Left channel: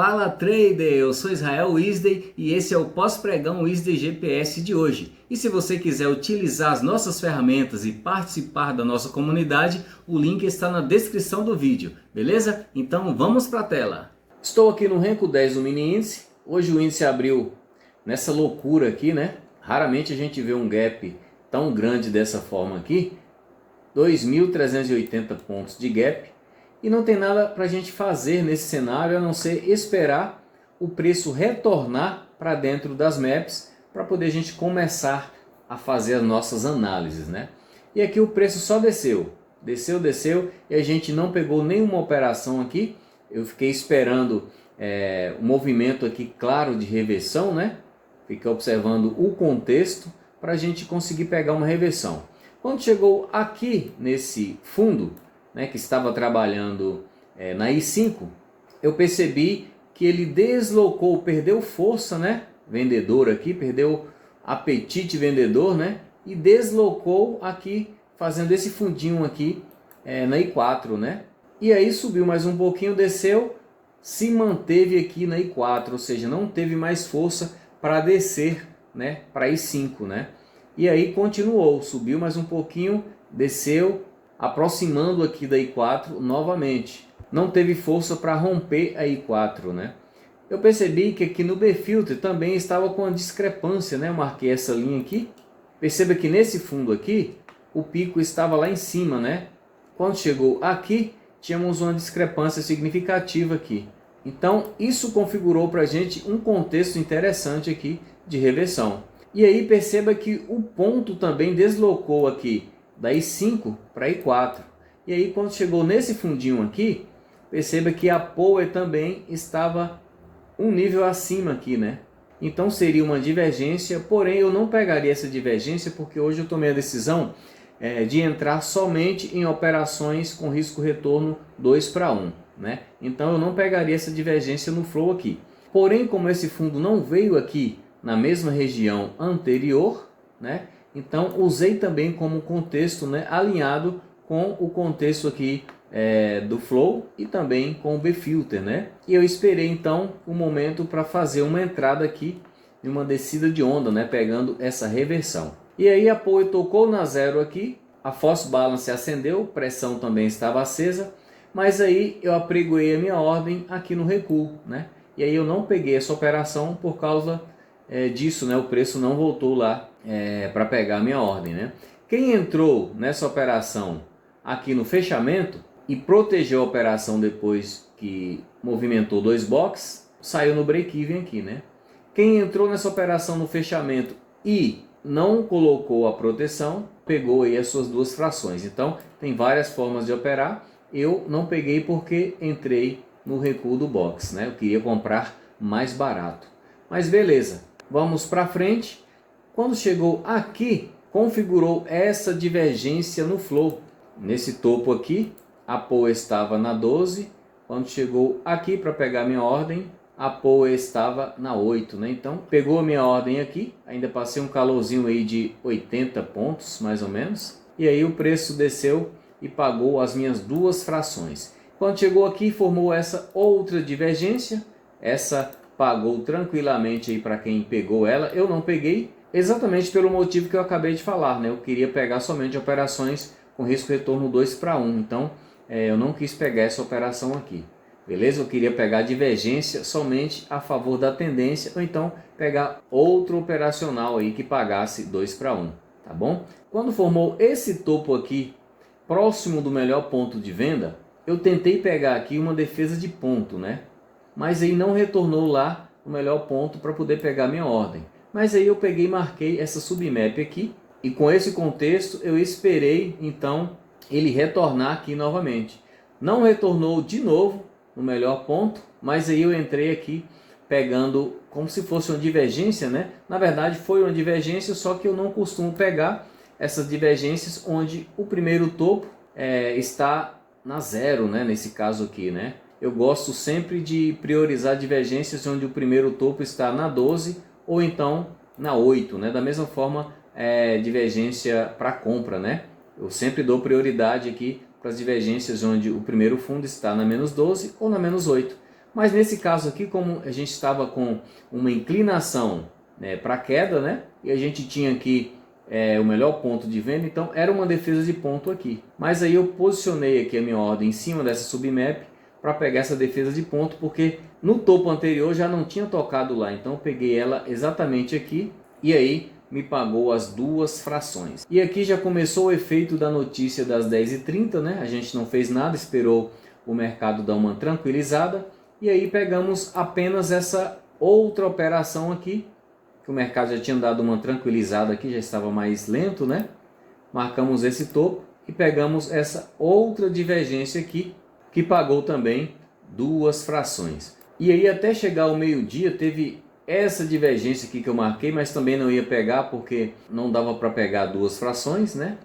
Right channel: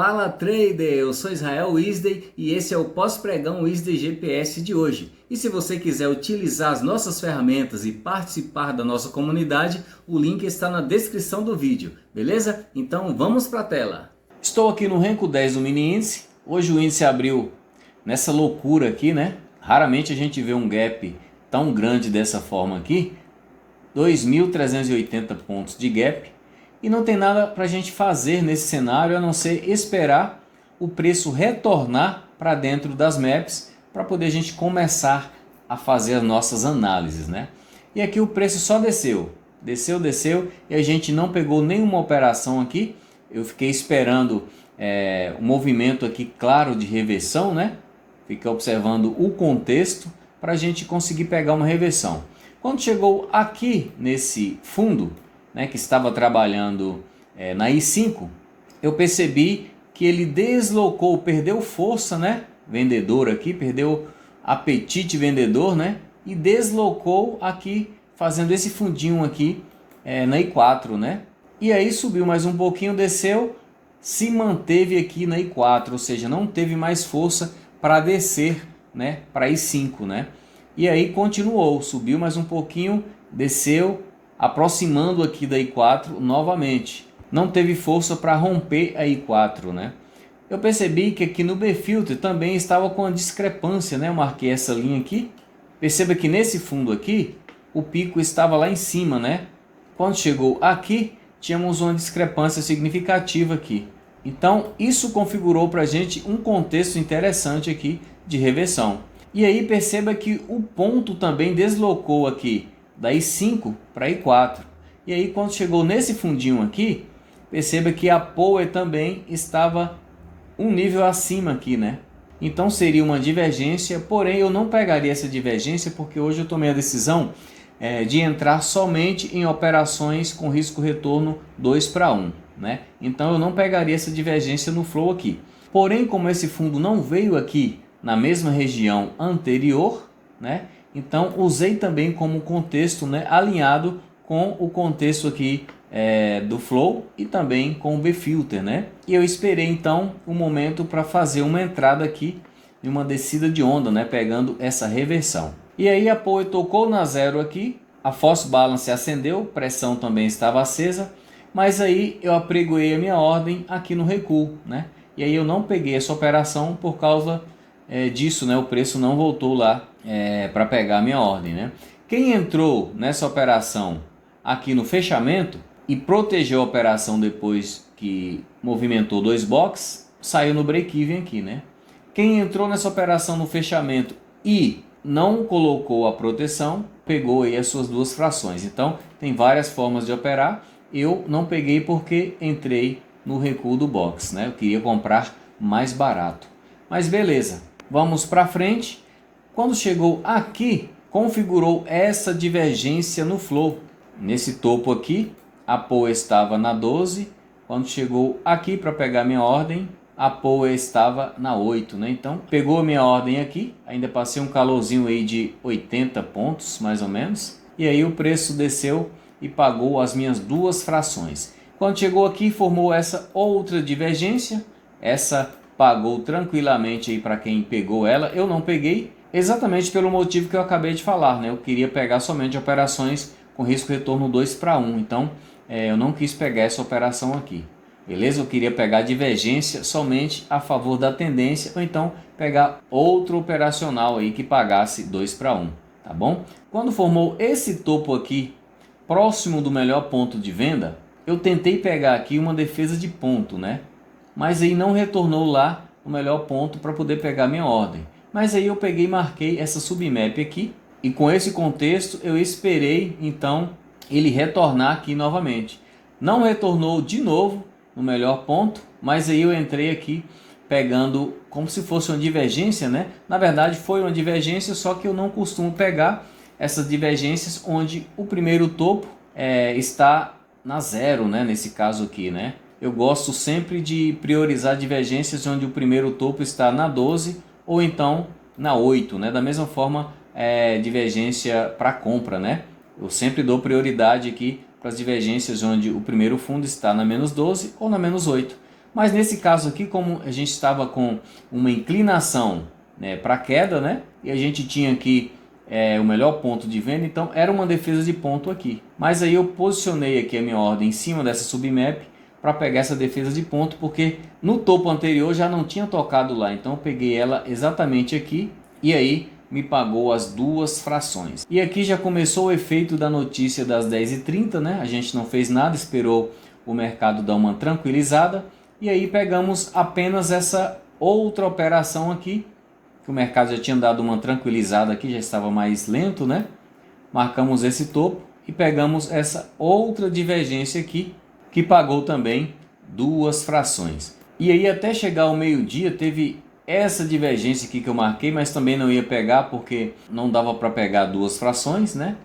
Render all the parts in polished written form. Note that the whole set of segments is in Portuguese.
Fala trader, eu sou Israel Wisdey e esse é o pós-pregão Wisdey GPS de hoje. E se você quiser utilizar as nossas ferramentas e participar da nossa comunidade, o link está na descrição do vídeo, beleza? Então vamos para a tela. Estou aqui no Renko 10 do mini índice. Hoje o índice abriu nessa loucura aqui, né? Raramente a gente vê um gap tão grande dessa forma aqui. 2.380 pontos de gap. E não tem nada para a gente fazer nesse cenário a não ser esperar o preço retornar para dentro das maps para poder a gente começar a fazer as nossas análises, né? E aqui o preço só desceu e a gente não pegou nenhuma operação aqui. Eu fiquei esperando o movimento aqui claro de reversão, né? Fiquei observando o contexto para a gente conseguir pegar uma reversão. Quando chegou aqui nesse fundo, né, que estava trabalhando na I5, eu percebi que ele deslocou, perdeu força, né, vendedor aqui, perdeu apetite vendedor, né, e deslocou aqui, fazendo esse fundinho aqui na I4, né, e aí subiu mais um pouquinho, desceu, se manteve aqui na I4, ou seja, não teve mais força para descer, né, para I5, né, e aí continuou, subiu mais um pouquinho, desceu, aproximando aqui da I4 novamente. Não teve força para romper a I4, né? Eu percebi que aqui no B-Filter também estava com uma discrepância, né? Eu marquei essa linha aqui. Perceba que nesse fundo aqui, o pico estava lá em cima, né? Quando chegou aqui, tínhamos uma discrepância significativa aqui. Então, isso configurou para a gente um contexto interessante aqui de reversão. E aí perceba que o ponto também deslocou aqui da I5 para I4. E aí quando chegou nesse fundinho aqui, perceba que a Power também estava um nível acima aqui, né? Então seria uma divergência, porém eu não pegaria essa divergência porque hoje eu tomei a decisão de entrar somente em operações com risco retorno 2:1, né? Então eu não pegaria essa divergência no flow aqui. Porém, como esse fundo não veio aqui na mesma região anterior, né? Então usei também como contexto, né, alinhado com o contexto aqui do flow e também com o B-Filter, né? E eu esperei então um momento para fazer uma entrada aqui de uma descida de onda, né, pegando essa reversão. E aí a Power tocou na zero aqui, a Force Balance acendeu, pressão também estava acesa, mas aí eu apregoei a minha ordem aqui no recuo, né? E aí eu não peguei essa operação por causa disso, né? O preço não voltou lá para pegar a minha ordem, né? Quem entrou nessa operação aqui no fechamento e protegeu a operação depois que movimentou dois boxes, saiu no break-even aqui, né? Quem entrou nessa operação no fechamento e não colocou a proteção, pegou aí as suas duas frações. Então, tem várias formas de operar. Eu não peguei porque entrei no recuo do box, né? Eu queria comprar mais barato. Mas beleza, vamos para frente. Quando chegou aqui, configurou essa divergência no flow. Nesse topo aqui, a Power estava na 12. Quando chegou aqui para pegar minha ordem, a Power estava na 8, né? Então, pegou a minha ordem aqui. Ainda passei um calorzinho aí de 80 pontos, mais ou menos. E aí o preço desceu e pagou as minhas duas frações. Quando chegou aqui, formou essa outra divergência. Essa pagou tranquilamente aí para quem pegou ela. Eu não peguei. Exatamente pelo motivo que eu acabei de falar, né? Eu queria pegar somente operações com risco retorno 2:1, então eu não quis pegar essa operação aqui, beleza? Eu queria pegar divergência somente a favor da tendência, ou então pegar outro operacional aí que pagasse 2:1, tá bom? Quando formou esse topo aqui, próximo do melhor ponto de venda, eu tentei pegar aqui uma defesa de ponto, né? Mas aí não retornou lá o melhor ponto para poder pegar minha ordem. Mas aí eu peguei e marquei essa submap aqui. E com esse contexto eu esperei então ele retornar aqui novamente. Não retornou de novo no melhor ponto, mas aí eu entrei aqui pegando como se fosse uma divergência, né? Na verdade foi uma divergência, só que eu não costumo pegar essas divergências onde o primeiro topo está na zero, né? Nesse caso aqui, né? Eu gosto sempre de priorizar divergências onde o primeiro topo está na 12 ou então na 8, né? Da mesma forma, divergência para compra, né? Eu sempre dou prioridade aqui para as divergências onde o primeiro fundo está na menos 12 ou na menos 8. Mas nesse caso aqui, como a gente estava com uma inclinação, né, para queda, né, e a gente tinha aqui o melhor ponto de venda, então era uma defesa de ponto aqui. Mas aí eu posicionei aqui a minha ordem em cima dessa submap para pegar essa defesa de ponto, porque no topo anterior já não tinha tocado lá, então eu peguei ela exatamente aqui e aí me pagou as duas frações. E aqui já começou o efeito da notícia das 10h30, né? A gente não fez nada, esperou o mercado dar uma tranquilizada e aí pegamos apenas essa outra operação aqui, que o mercado já tinha dado uma tranquilizada aqui, já estava mais lento, né? Marcamos esse topo e pegamos essa outra divergência aqui, que pagou também duas frações. E aí até chegar ao meio-dia teve essa divergência aqui que eu marquei, mas também não ia pegar porque não dava para pegar duas frações, né?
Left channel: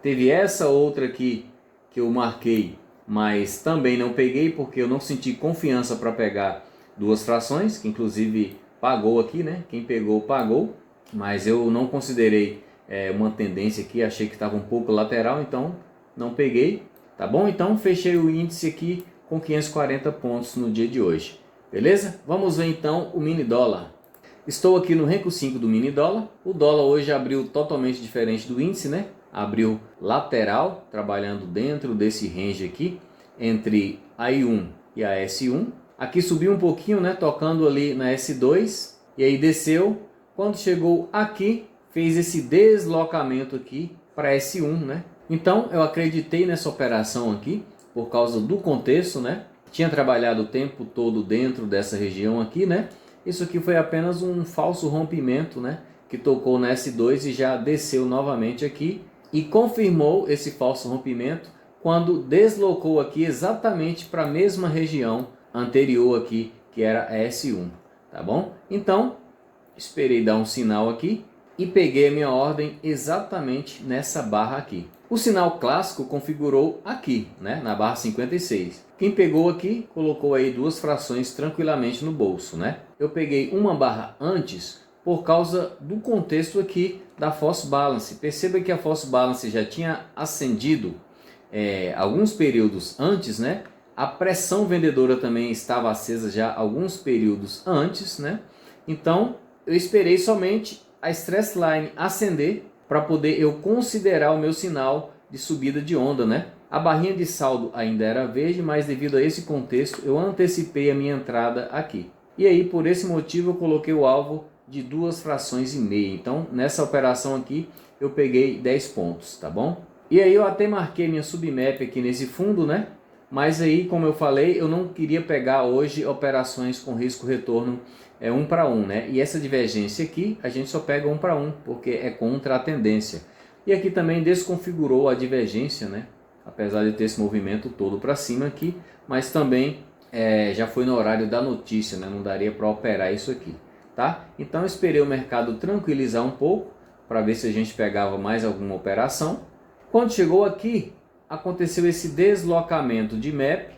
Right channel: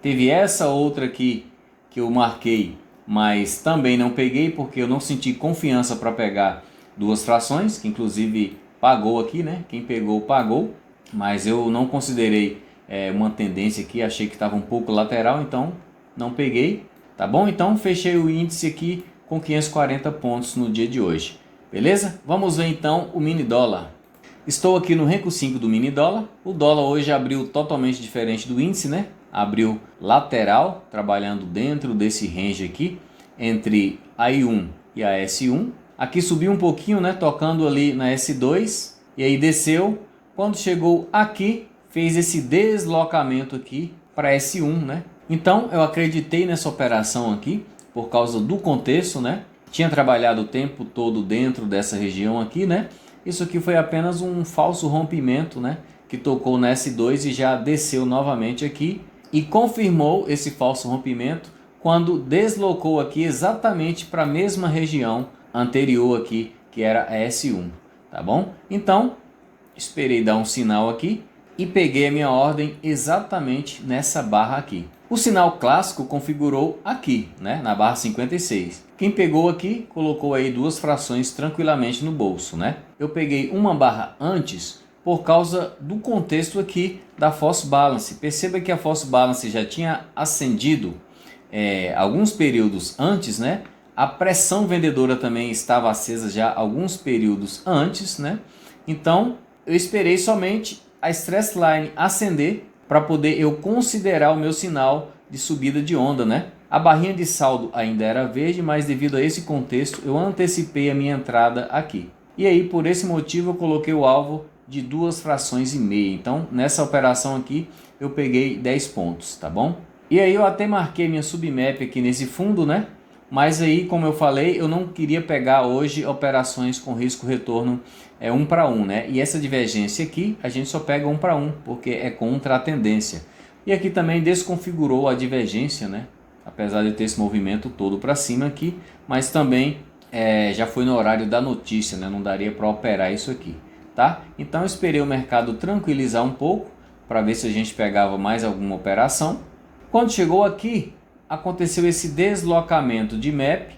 Teve essa outra aqui que eu marquei, mas também não peguei porque eu não senti confiança para pegar duas frações, que inclusive pagou aqui, né? Quem pegou, pagou, mas eu não considerei uma tendência aqui, achei que estava um pouco lateral, então não peguei, tá bom? Então fechei o índice aqui com 540 pontos no dia de hoje, beleza? Vamos ver então o mini dólar. Estou aqui no Renko 5 do mini dólar, o dólar hoje abriu totalmente diferente do índice, né? Abriu lateral, trabalhando dentro desse range aqui, entre a I1 e a S1. Aqui subiu um pouquinho, né, tocando ali na S2 e aí desceu. Quando chegou aqui, fez esse deslocamento aqui para S1, né? Então eu acreditei nessa operação aqui por causa do contexto, né? Tinha trabalhado o tempo todo dentro dessa região aqui, né? Isso aqui foi apenas um falso rompimento, né? Que tocou na S2 e já desceu novamente aqui e confirmou esse falso rompimento quando deslocou aqui exatamente para a mesma região anterior aqui, que era a S1, tá bom? Então, esperei dar um sinal aqui e peguei a minha ordem exatamente nessa barra aqui. O sinal clássico configurou aqui, né, na barra 56. Quem pegou aqui, colocou aí duas frações tranquilamente no bolso, né? Eu peguei uma barra antes por causa do contexto aqui da false balance. Perceba que a false balance já tinha ascendido alguns períodos antes, né? A pressão vendedora também estava acesa já alguns períodos antes, né? Então, eu esperei somente a stress line acender para poder eu considerar o meu sinal de subida de onda, né? A barrinha de saldo ainda era verde, mas devido a esse contexto, eu antecipei a minha entrada aqui. E aí, por esse motivo, eu coloquei o alvo de 2,5 frações. Então, nessa operação aqui, eu peguei 10 pontos, tá bom? E aí, eu até marquei minha submap aqui nesse fundo, né? Mas aí, como eu falei, eu não queria pegar hoje operações com risco retorno 1 para 1, né? E essa divergência aqui, a gente só pega 1 para 1, porque é contra a tendência. E aqui também desconfigurou a divergência, né? Apesar de ter esse movimento todo para cima aqui, mas também já foi no horário da notícia, né? Não daria para operar isso aqui, tá? Então esperei o mercado tranquilizar um pouco, para ver se a gente pegava mais alguma operação. Quando chegou aqui, aconteceu esse deslocamento de MAP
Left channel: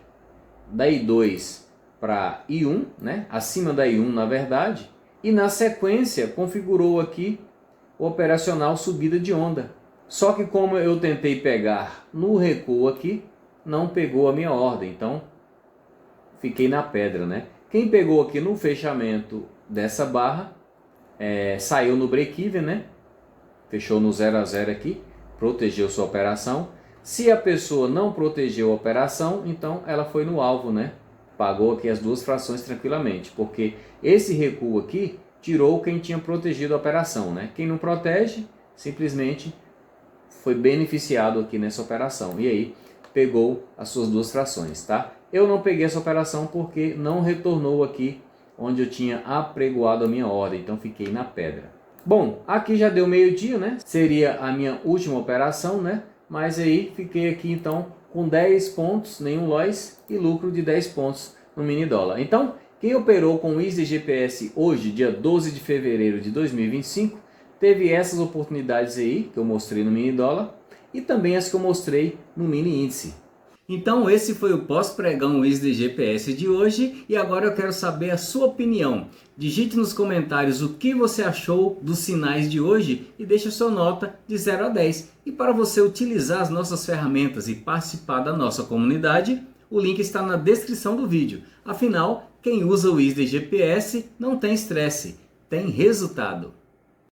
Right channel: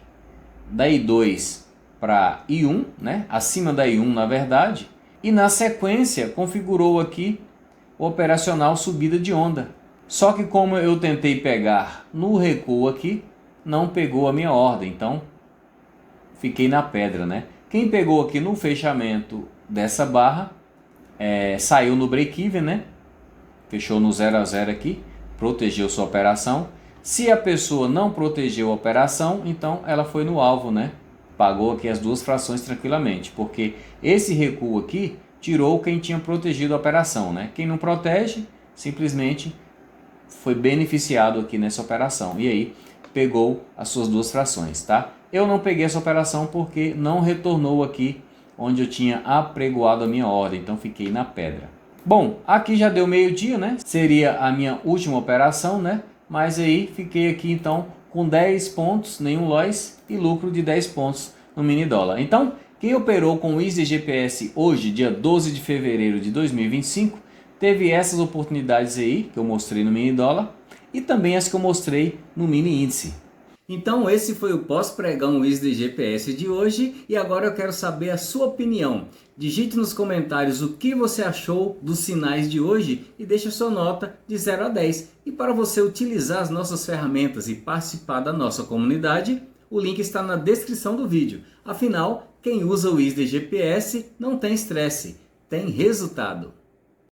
da I2 para I1, né? Acima da I1 na verdade, e na sequência configurou aqui o operacional subida de onda. Só que como eu tentei pegar no recuo aqui, não pegou a minha ordem, então fiquei na pedra, né? Quem pegou aqui no fechamento dessa barra, saiu no break-even, né? Fechou no 0 a 0 aqui, protegeu sua operação. Se a pessoa não protegeu a operação, então ela foi no alvo, né? Pagou aqui as 2 frações tranquilamente, porque esse recuo aqui tirou quem tinha protegido a operação, né? Quem não protege, simplesmente foi beneficiado aqui nessa operação. E aí, pegou as suas 2 frações, tá? Eu não peguei essa operação porque não retornou aqui onde eu tinha apregoado a minha ordem, então fiquei na pedra. Bom, aqui já deu meio-dia, né? Seria a minha última operação, né? Mas aí fiquei aqui então com 10 pontos, nenhum loss e lucro de 10 pontos no mini dólar. Então, quem operou com o ISD GPS hoje, dia 12 de fevereiro de 2025, teve essas oportunidades aí que eu mostrei no mini dólar e também as que eu mostrei no mini índice. Então esse foi o pós-pregão ISD GPS de hoje e agora eu quero saber a sua opinião. Digite nos comentários o que você achou dos sinais de hoje e deixe a sua nota de 0 a 10. E para você utilizar as nossas ferramentas e participar da nossa comunidade, o link está na descrição do vídeo. Afinal, Quem usa o ISDE GPS não tem estresse, tem resultado.